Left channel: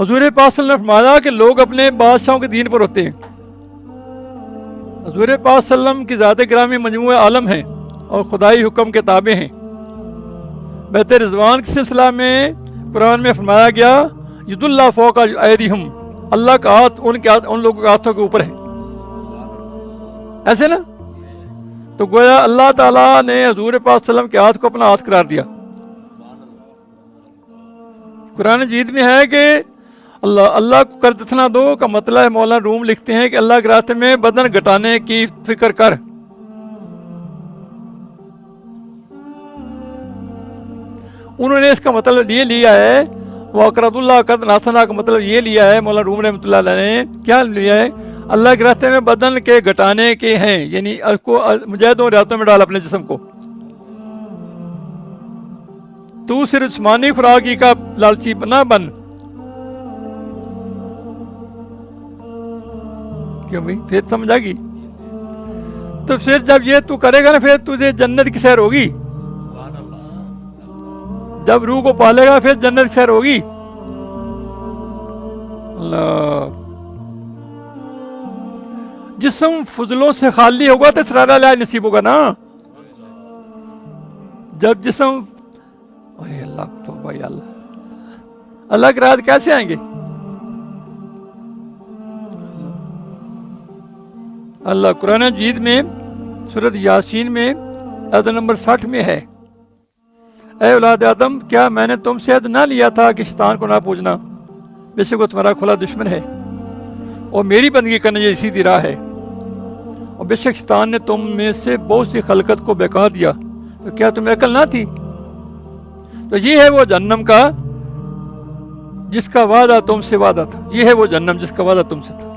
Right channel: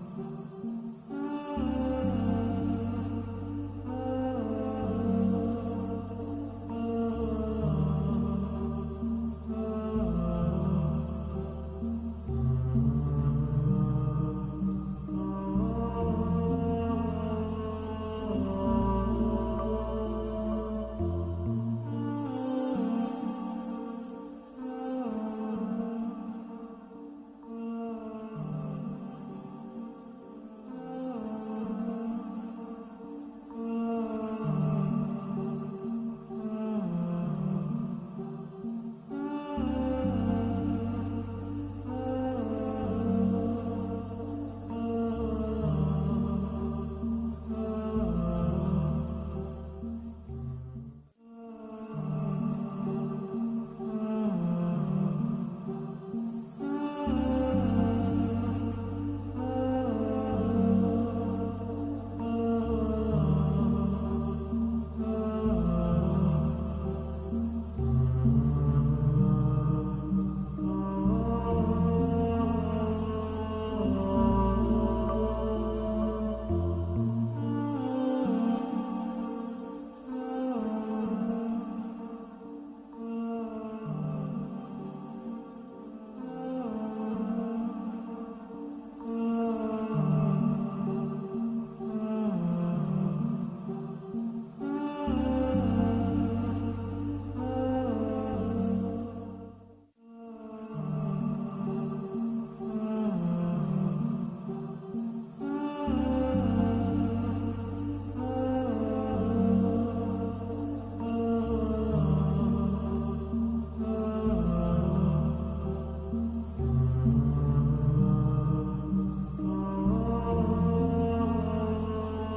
حضور پاک صلی اللہ علیہ وسلم نے فرمایا کہ لوگ اپنے بادشاہوں کے دین پر ہوتے ہیں. حضور پاک صلی اللہ علیہ وسلم کی ذات گرامی مجموعہ عالم ہیں اور خدائی حکم کے تابع ہیں. بیت رضوان کے سلسلہ میں قرآن میں فرمایا گیا ید اللہ فوق ایدیہم، اللہ کا ہاتھ ان لوگوں کے ہاتھوں کے اوپر ہے. ایسے نا، تو گویا اللہ تعالیٰ نے حضور پاک صلی اللہ علیہ وسلم کے ہاتھ کو اپنا ہاتھ قرار دیا. قرآن مجید میں ہے کہ اللہ کو قرض نہ دو کا مطلب ہے، مولانا روم لکھتے ہیں کہ اللہ کے راستے میں بدن گھٹانے کی فکر کر. انہوں نے اس کا مطلب یہ لیا ہے، وَأَقْرَضُ اللَّهَ قَرْضًا حَسَنًا کا مطلب یہ لیا ہے مولانا روم رحمۃ اللہ علیہ نے. کیا لیا ہے؟ اللہ کے راستے میں بدن کے گھٹانے کے ہیں، یعنی اس کو مجاہدوں ریاضتوں میں ڈال اپنے جسم کو. تو صرف جسمانی خوراکی کا لالچی نہ بن. کیوں بھائی؟ پھر سمجھ آ گئی. تو پھر جب یہ تو کرے گا نا، پھر تجھے جنت کی سیر ہوگی. جب روح کو پالے گا پھر جنت کی سیر ہوگی. اللہ، جسم فضلوں سے خالی ہوگا تو اسرار علاج نصیب ہوگا نا. جب جسم اللہ تو بھائی اللہ کے راز کیسے آئیں گے؟ اللہ قرآن مجید میں سورۃ یاسین میں آیت نمبر 60 میں ہے، اے اولاد آدم، کیا میں نے تم سے عہد نہ لیا تھا کہ شیطان کو نہ پوجنا؟ بے شک وہ تمہارا کھلا دشمن ہے اور میری بندگی کرنا یہ سیدھی راہ ہے. اور بے شک شیطان نے تم میں سے بہت سی خلقت کو بہکا دیا، تو کیا تمہیں عقل نہ تھی؟ تو یہ ہے وہ جہنم کا جس کا وعدہ تم سے وعدہ تھا. یہ ہے وہ جہنم جس کا وعدہ تم سے تھا.